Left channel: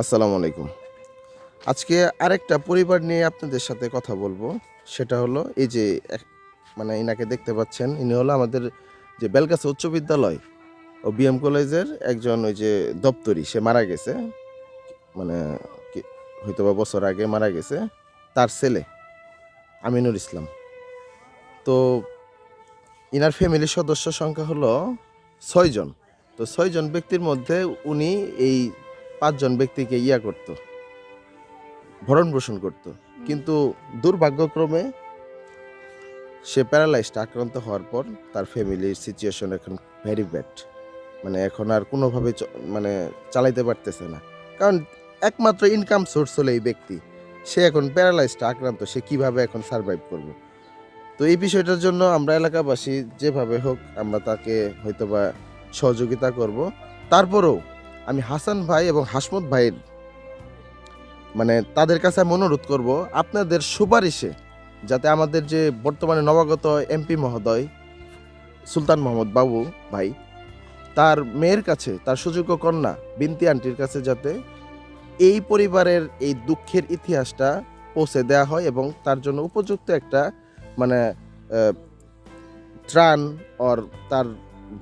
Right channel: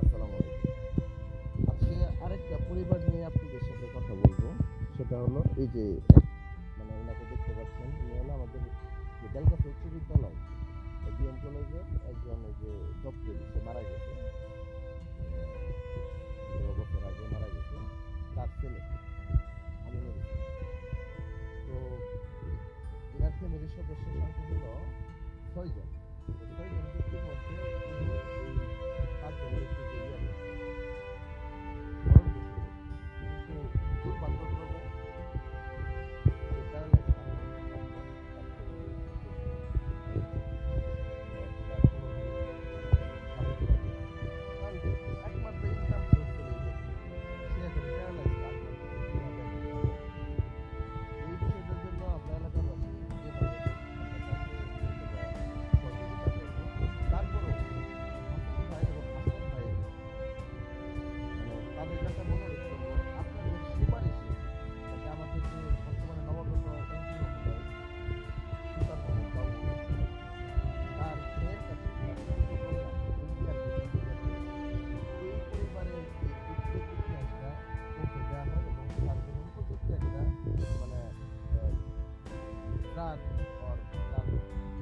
আসসালামু আলাইকুম। আজকে আরেকটা পরিবার নিয়ে আপনাদের সাথে কথা বলবো। সেটা হলো এই যে মানে ইনাকে দেখতে পাচ্ছেন, ইনি হলো আমাদের যে বেলগাছা উচ্চ বিদ্যালয় ও বিএম কলেজের একজন ওই যে দপ্তরি। সে মারা গেছে। মানে কি হয়তোবা বছর আগে মারা গেছে। তার ছেলে আমিনুর ইসলাম। তো ইনার ফ্যামিলির সদস্য সংখ্যা হলো ৬ জন। তো ৬ জন ব্যক্তির মধ্যে উনি এই ৫ জন ব্যক্তিকে করত, ভরণ-পোষণ করত। কিন্তু দুর্ভাগ্যক্রমে সে প্যারালাইজড আক্রান্ত হওয়ার পর তার ফ্যামিলির সিচুয়েশন এখন ভেরি ব্যাড। মানে এখন আর কোনোভাবে মানে চালাইতে পারতেছে না। কারণ একমাত্র ইনকাম সোর্স হলো এই ব্যক্তি। সে এখন প্যারালাইজড আক্রান্ত। সে কিভাবে এখন সারভাইভ করবে? তো এই বিষয়টার জন্য আমরা এলাকাবাসী যেভাবে হোক আমরা তাকে হয়তোবা সহযোগিতা করব। তারপরেও আমি হাসান ভাই এবং হাসমত ভাইয়ের মানে তাদের কাছে আমি অনুরোধ করব আপনাদের সুপারিশে যাতে আমাদের যে বর্তমানে নবাগত এমপি মহোদয় সুলতান মোহাম্মদ বাবু ভাই তার মেয়ের কাছে, তার সুযোগ্য কন্যা বিনতি আন্টির কাছে যাতে এই পরিবারের এই দুঃখের ইতিহাসটা পৌঁছে দেওয়া হয় এবং তার জন্য উপযুক্ত একটা মানে ত্রাণ অর তার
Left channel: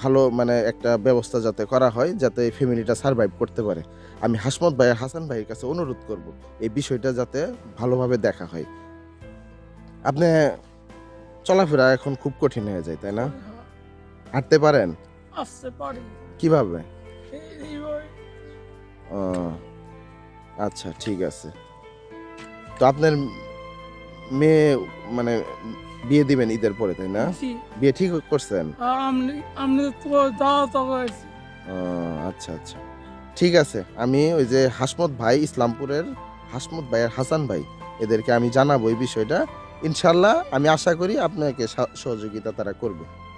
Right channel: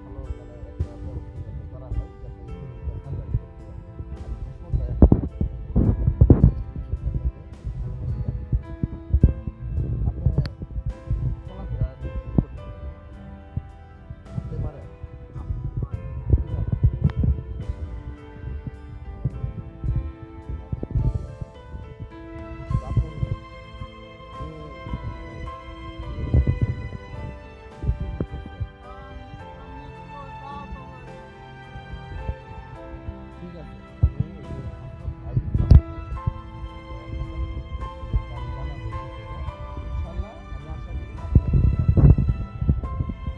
ভালো মানে একটা ব্যবস্থা যাতে করা হয় যাতে এই ফ্যামিলিটা সারভাইভ করতে পারে। আমি হাসমত ভাই হাসান ভাইয়ের কাছে অনুরোধ করব এই বিষয়টা যাতে ভালোভাবে দেখা হয়। আপনি চলাফেরা এখন খুব কঠিন হয়ে যায়, তাই না? হাঁটতে পারেন? আসতে পারি কিভাবে? এইভাবে। ও, আচ্ছা ঠিক আছে। তো আপনার মেয়ে মানে বিয়ে দিবেন ঈদের পরে, তাই না? জি, বিয়ে ঠিক করছেন? আর আপনি তো দাওয়াত হয়েছে। ও, আচ্ছা আচ্ছা ঠিক আছে। আমি ওই যে হাসমত ভাই ইসলামপুরের হাসমত ভাই আর হাসান ভাই এদেরকে আমি জানাবো এই বিষয়টা। ইনশাল্লাহ আমি আশা করি আপনাকে সহযোগিতা তারা করবে।